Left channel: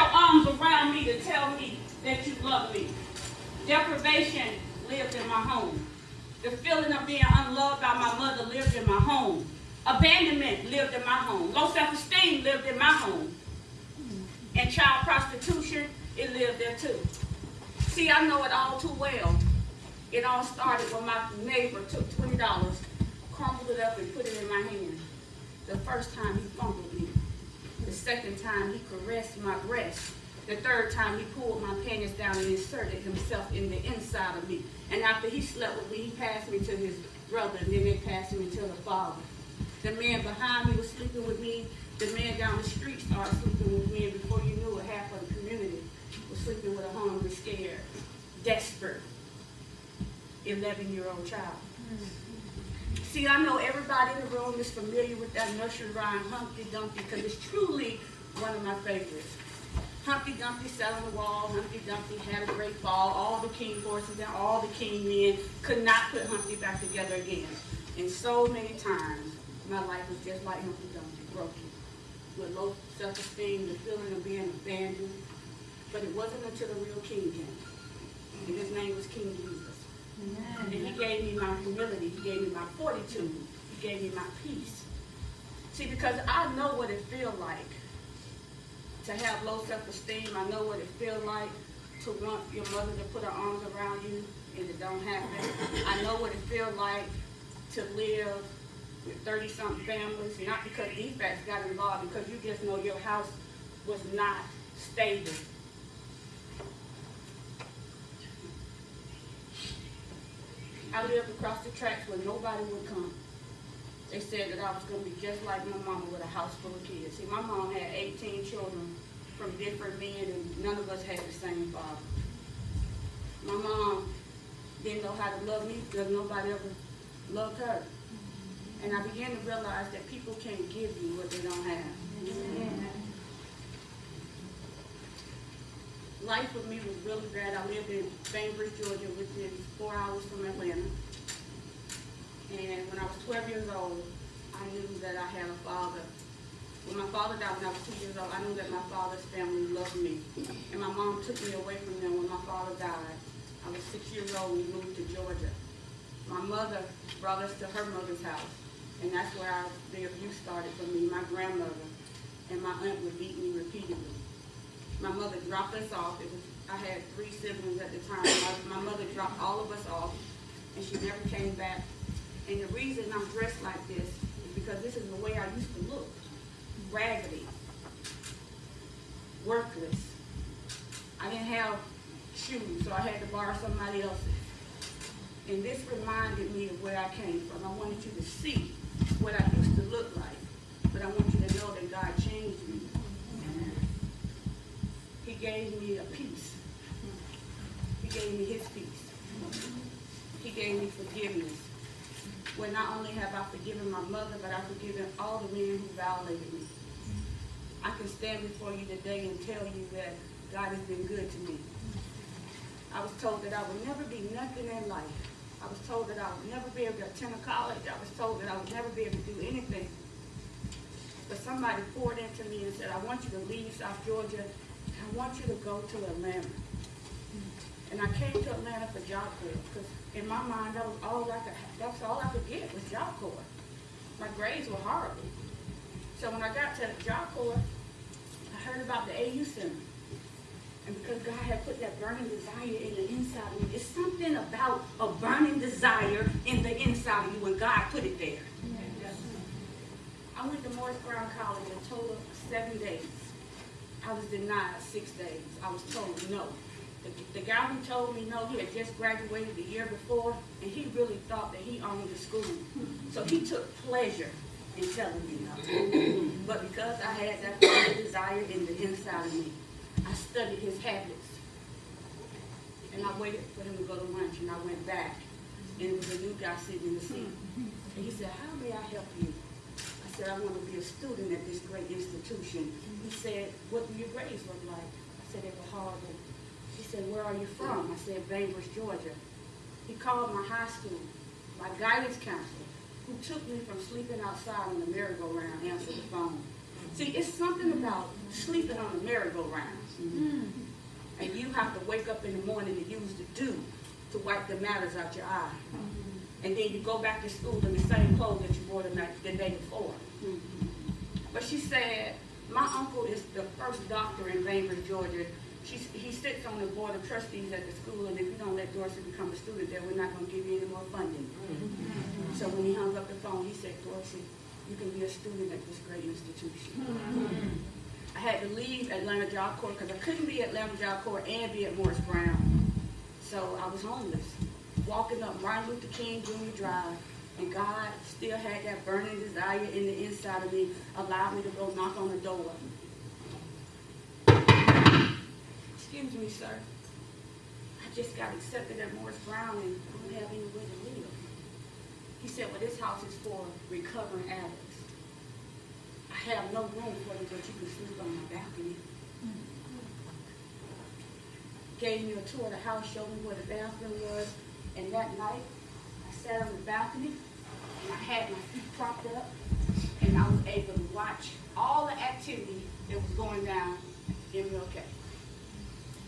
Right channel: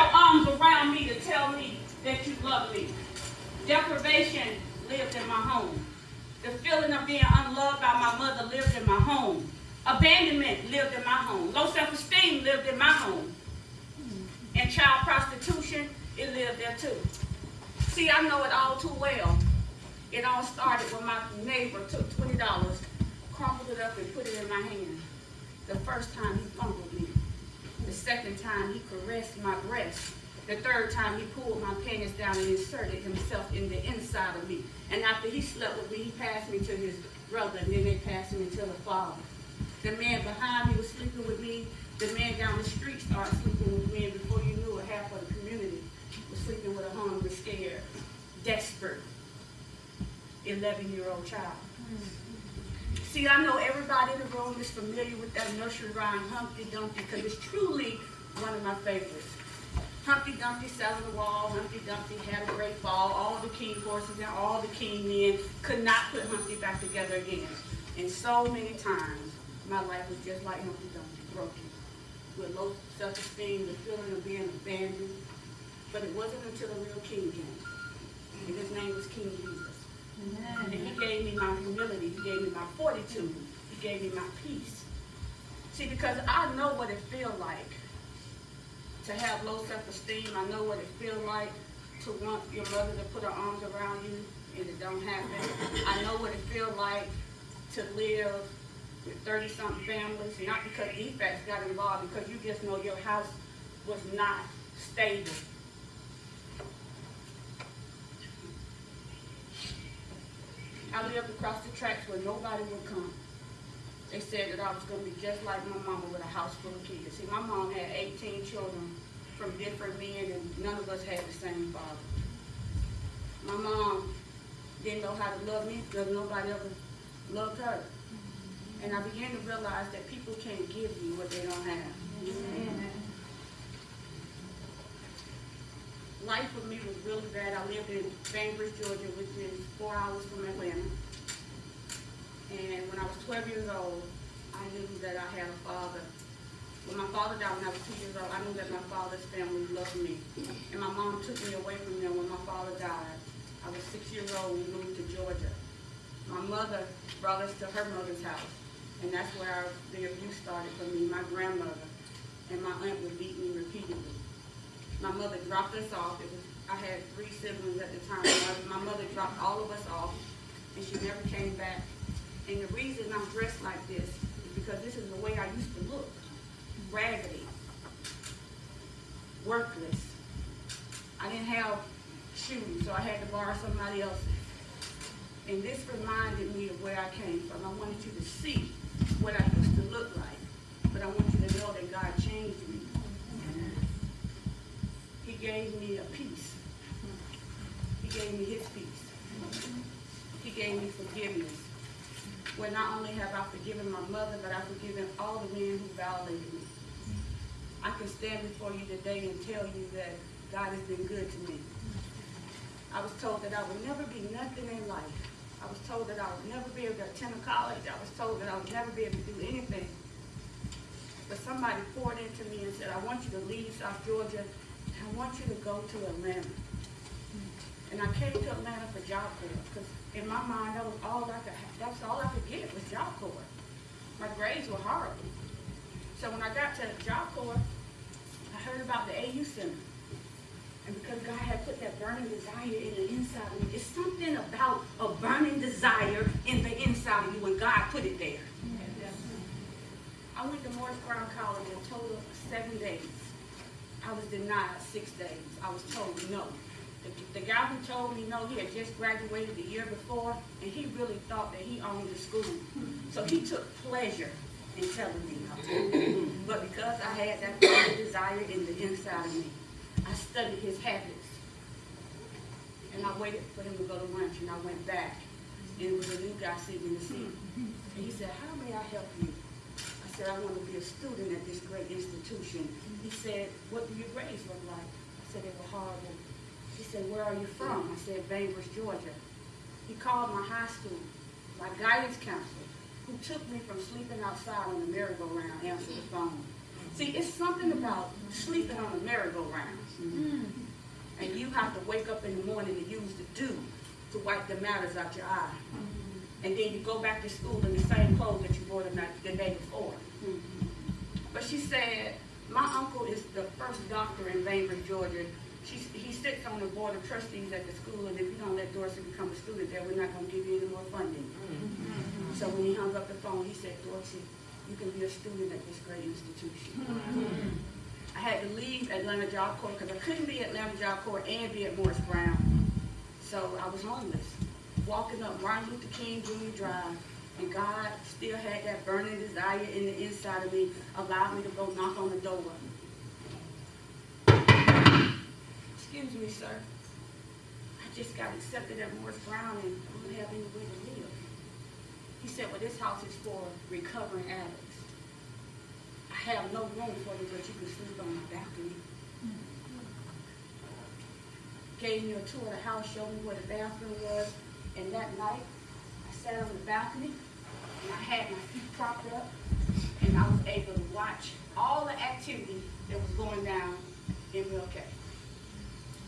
your arms around me to tell me that you love me. Deprivation lived in my home. The feeling of being unloved by my mother lived in my home. Abandonment lived in my home. Low self-esteem lived in my home. And child prostitution, it lived there too. See, I know it all too well. It all started when my neighbor took $20, crumpled it up, and put it in my hand. The first time he fumbled me. The second time he caressed my breast. The third time he pulled my panties down and inserted himself in the inside of me. And after he slept with me, he passed me to his brother, and then they passed me to the father. The man behind me was sleeping with me. The man down the street started sleeping with me, and before you knew it, half of the community was sleeping with a hungry, scared, desperate 11-year-old child. See, I know everybody in the room is familiar with that nursery rhyme, Humpty Dumpty, because it's truly one of my favorites. Humpty Dumpty sat on the wall. Humpty Dumpty had a great fall. All the king horses and all the king men could not put Humpty back together again. And so many times, my life was just like Humpty Dumpty, broken, with low self-esteem, the feeling of being abandoned. But it wasn't until the real king came. And his name was King Jesus. And he gave me my humility. He gave me my fortitude. He gave me my peace. See, because I know what it feels like to have low self-esteem. I know what it feels like to want your mother to put her arms around you and it don't happen. I know what it feels like to live with 30-something families, not because defects got involved, because you just know your house was not stable. I lived across the tracks where nobody would come. They said that I was going to be just like my mama with a house full of kids. See, my mom had 18 children from different men, and none of us had the same father. My mom didn't know how to love me because nobody ever loved her. And I began to realize that people can't give you what they don't have. Amen. Life for me was really bad. I lived in Bainbridge, Georgia, which is 4 hours from Atlanta. And when I was 12 years old, I knew that I had a father. When my father died when I was 2 years old, I knew that my father's family loved me. And my mom took me away from them when my father died. I was 6 years old. We moved to Georgia. My mother brought us to her mother's house. And that's where the abuse started for me. My grandmother and my aunt would beat me repeatedly. My mother dropped us off. I had 3 siblings at the time. My mother dropped all of us off, and she never came back. And the reason I'm dressed like this is because this is the way I used to look. Raggedy. Worthless. I didn't have shoes, so I had to borrow somebody else's. And this reminded me of where I came from. I wanted you to see what I used to look like, but I want you to know that God changed me. He gave me a peace. He gave me his peace. He gave me forgiveness. Where not only have I forgiven my mother, but I've forgiven all the men who violated me. I can stand before you today and tell you that God has been good to me. I was told that I would never be nothing in life. I was told that I would never be able to attend a college. I was told that I would never be able to do anything. But somebody poured into me and said, I want you to leave South Georgia, and I want you to go to Atlanta. And I came to Atlanta for Job Corps, because in my mind, that was all I could have. That's all I could get was Job Corps. My grades were horrible. So when I got to Job Corps, I heard about the AU Center. And because God had put that burning desire in the inside of me, it's something about a burning desire in the inside of you when God put it there. Yes. I went to Morris Brown College a total of 7 days. I was denied 6 days. I was told no. The guy who told me no, he had just graduated the year before, and he really thought that he owned the school. So he took pleasure in telling me no. But because I had that burning desire in the inside of me, I studied his habits. And I waited for him to go to lunch, and I went back. And it was a new guy sitting in the seat. And he said, how may I help you? I said, I want to be a student at this great institution. He said, what do your grades look like? I said, they were horrible. He said, where are you from? I said, Bainbridge, Georgia. He called my high school, my guidance counselor, who took me from sleeping outside on the merry-go-round, answered the phone. See, it's something about sleeping on a merry-go-round. And you have to wake up in the morning and use the dew to wipe the matters out your eye. And then you go back to school in the same clothes that you wore the day before. But she said, my uncle is the first doctor in Bainbridge, Georgia. He sits on the board of trustees at the school, and if you don't let Dorsey become a student there, we're not going to give you any more funding. So when he hung up the phone, he said, Dorsey, you can be a student at this great institution. I had to leave Atlanta Job Corps because I couldn't be at Atlanta Job Corps and be at Morris Brown. So I was homeless, walking up Martin Luther King Jr. Drive, and God still had that burning desire in the inside of me, allowed me to go knock on the door. Excuse me, sir. I just got accepted at Morris Brown and I don't have anywhere to live. He said, well, this house is for recovering addicts. I have no room for you, but you can sleep on my balcony. Gave me a tour of the house, showed me where the bathroom was, and that night, I sat on the balcony, and I had my feet propped up, and I was able to watch all the activity that was going down in Milwaukee.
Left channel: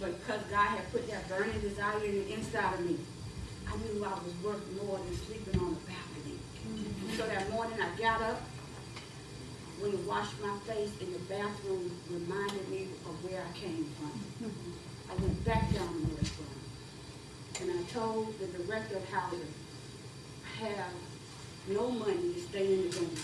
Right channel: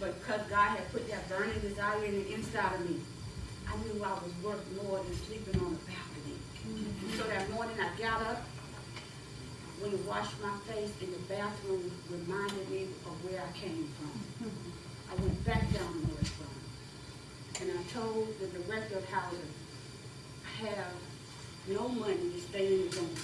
But because God had put that burning desire in the inside of me, I knew I was worth more than sleeping on the balcony. So that morning I got up, went and washed my face, and the bathroom reminded me of where I came from. I went back down to the restaurant, and I told the director of housing, I have no money to stay in the room.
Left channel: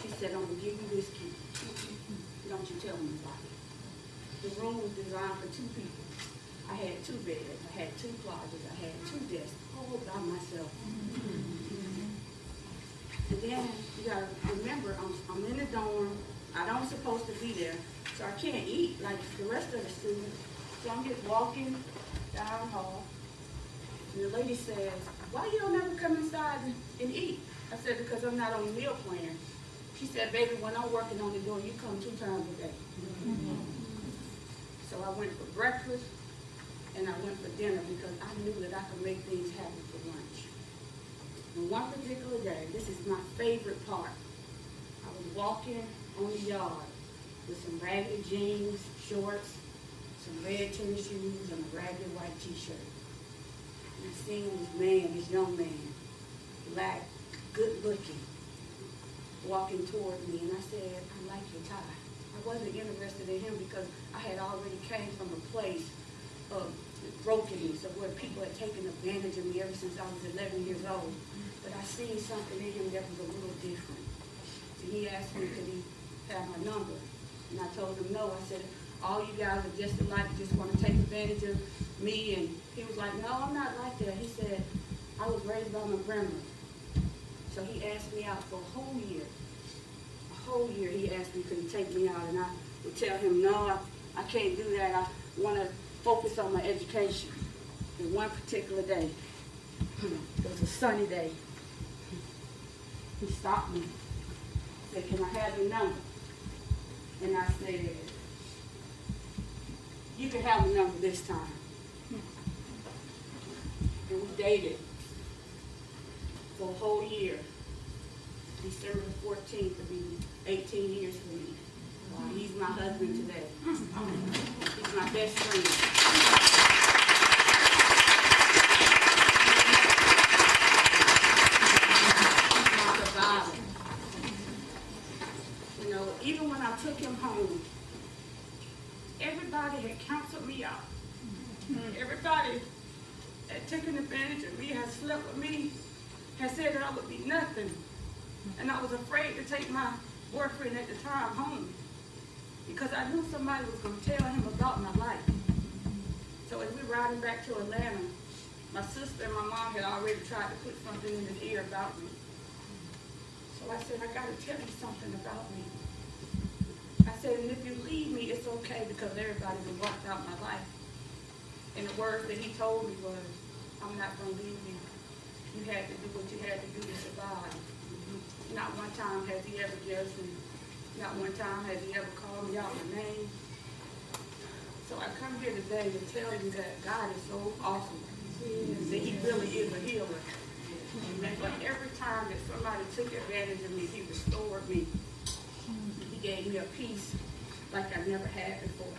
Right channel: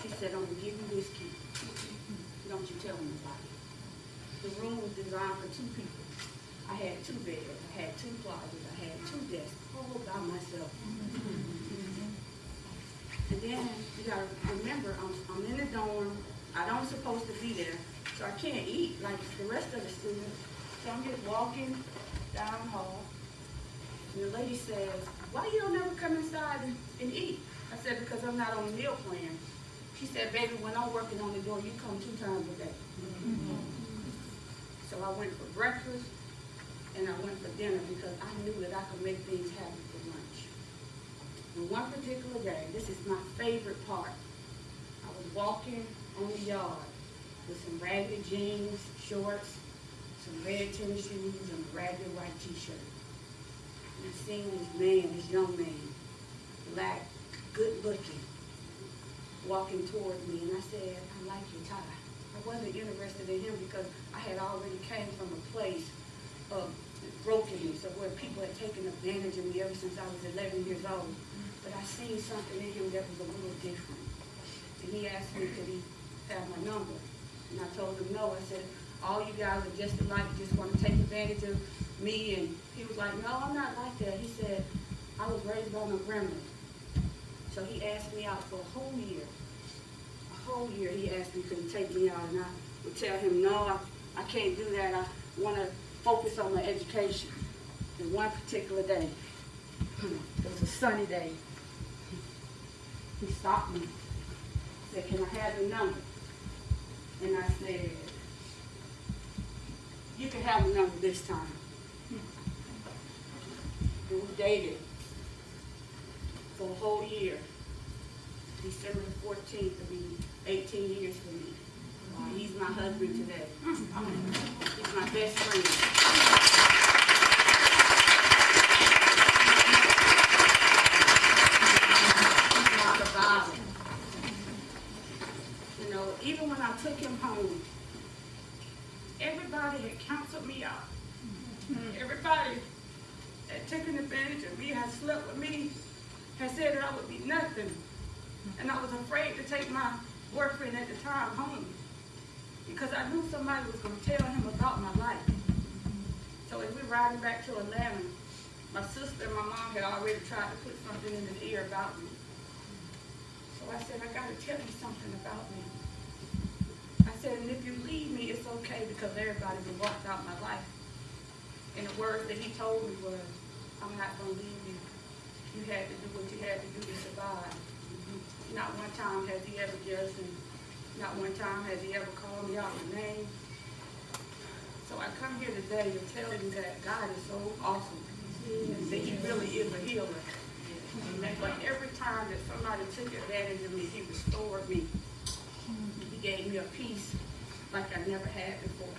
She said, I'm going to give you this key. Don't you tell anybody. The room was designed for 2 people. I had 2 beds, I had 2 closets, I had 2 desks, all by myself. And then you gotta remember, I'm in the dorm, I don't supposed to be there, so I can't eat like the rest of the students. So I'm just walking down the hall, and the lady says, why you don't ever come inside and eat? I said, because I'm not on a meal plan. She said, baby, when I'm working on the door, you come 2 times a day. So I went for breakfast, and I went for dinner because I knew that I could make things happen for lunch. And one particular day, this is my favorite part, I was walking on the yard with some ragged jeans, shorts, some red tennis shoes, and a ragged white t-shirt. And I seen this man, this young man, black, good looking, walking toward me, and I said, I like your tie. I wasn't interested in him because I had already came from a place of brokenness, of where people had taken advantage of me ever since I was 11 years old. But I seen something in him that was a little different. And he asked me, could he have my number? And I told him no. I said, all you guys are just alike, just want to take advantage of me. And he was like, no, I'm not like that. He said, I was raised by my grandmother. So he asked me out for a whole year. A whole year he asked me, could he take me out? And I would tell him, no, I can't do that. I want to focus on my education. And one particular day, it was a sunny day, he stopped me. He said, can I have your number? And I said, you can have a number this time. And we dated for a whole year. December the 14th will be 18 years for me. He's my husband today. He's my best friend. You know, even when I took him home, everybody had counseled me out. Everybody had taken advantage of me, had slept with me, had said that I would be nothing. And I was afraid to take my boyfriend at the time home because I knew somebody was going to tell him about my life. So as we were riding back to Atlanta, my sister and my mom had already tried to put something in his ear about me. So I said, I got to tell you something about me. I said, and if you leave me, it's okay because everybody will walk out my life. And the words that he told me was, I'm not going to leave you. You had to do what you had to do to survive. Not one time has he ever judged me. Not one time has he ever called me out my name. So I come here today to tell you that God is so awesome. That he really is a healer. But every time that somebody took advantage of me, he restored me. He gave me a peace like I never had before.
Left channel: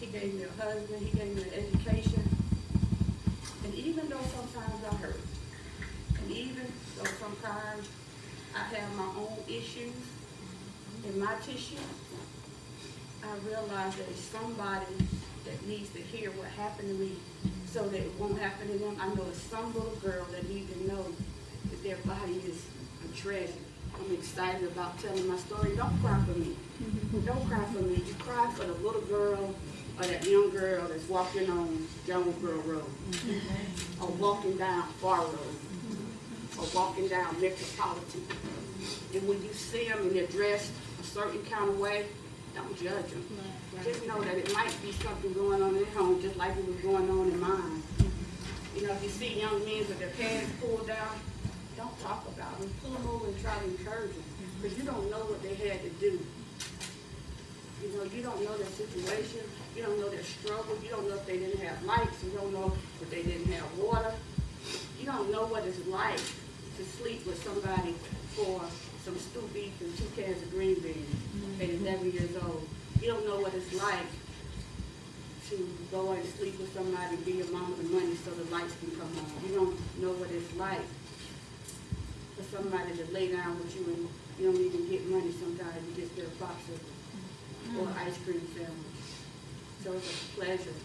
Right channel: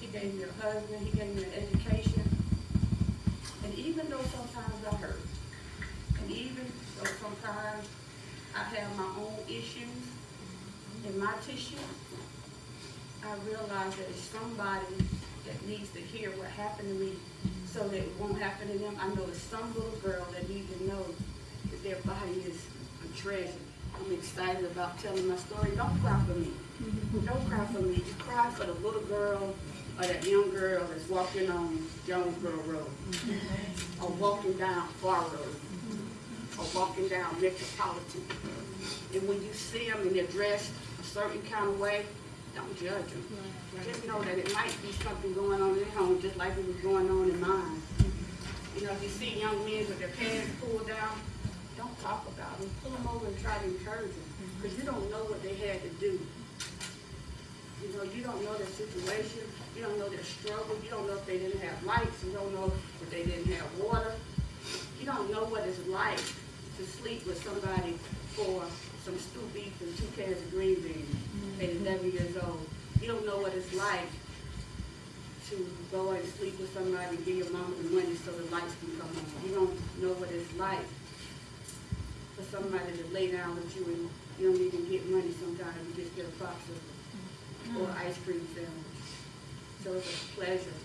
He gave me a husband, he gave me an education. And even though sometimes I hurt, and even though sometimes I have my own issues in my tissue, I realize that it's somebody that needs to hear what happened to me so that it won't happen to them. I know it's some little girl that needs to know that their body is a treasure. I'm excited about telling my story. Don't cry for me. Don't cry for me. You cry for the little girl or that young girl that's walking on Jonesboro Road, or walking down Far Road, or walking down Metropolitan. And when you see them and they're dressed a certain kind of way, don't judge them. Just know that it might be something going on in their home just like it was going on in mine. You know, if you see young men with their pants pulled down, don't talk about them. Pull them over and try to encourage them. Because you don't know what they had to do. You know, you don't know their situation. You don't know their struggle. You don't know if they didn't have lights. You don't know if they didn't have water. You don't know what it's like to sleep with somebody for some stew beef and 2 cans of green beans at 11 years old. You don't know what it's like to go and sleep with somebody, give your mom the money so the lights can come on. You don't know what it's like for somebody to lay down with you and you don't even get money sometimes. You just get a popsicle or an ice cream sandwich. So it's a pleasure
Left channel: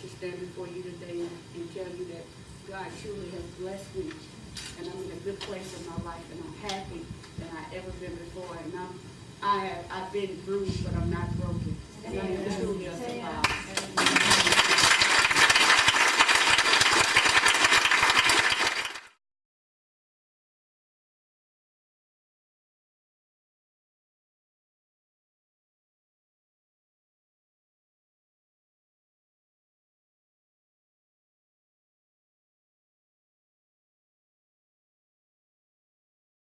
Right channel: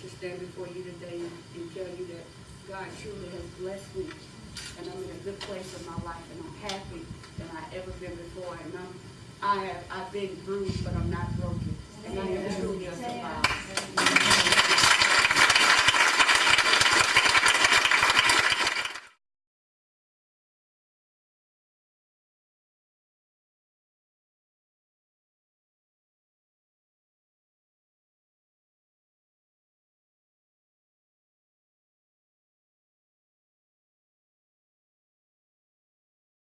to stand before you today and tell you that God truly has blessed me. And I'm in a good place in my life, and I'm happy than I've ever been before. And I've been bruised, but I'm not broken. And I am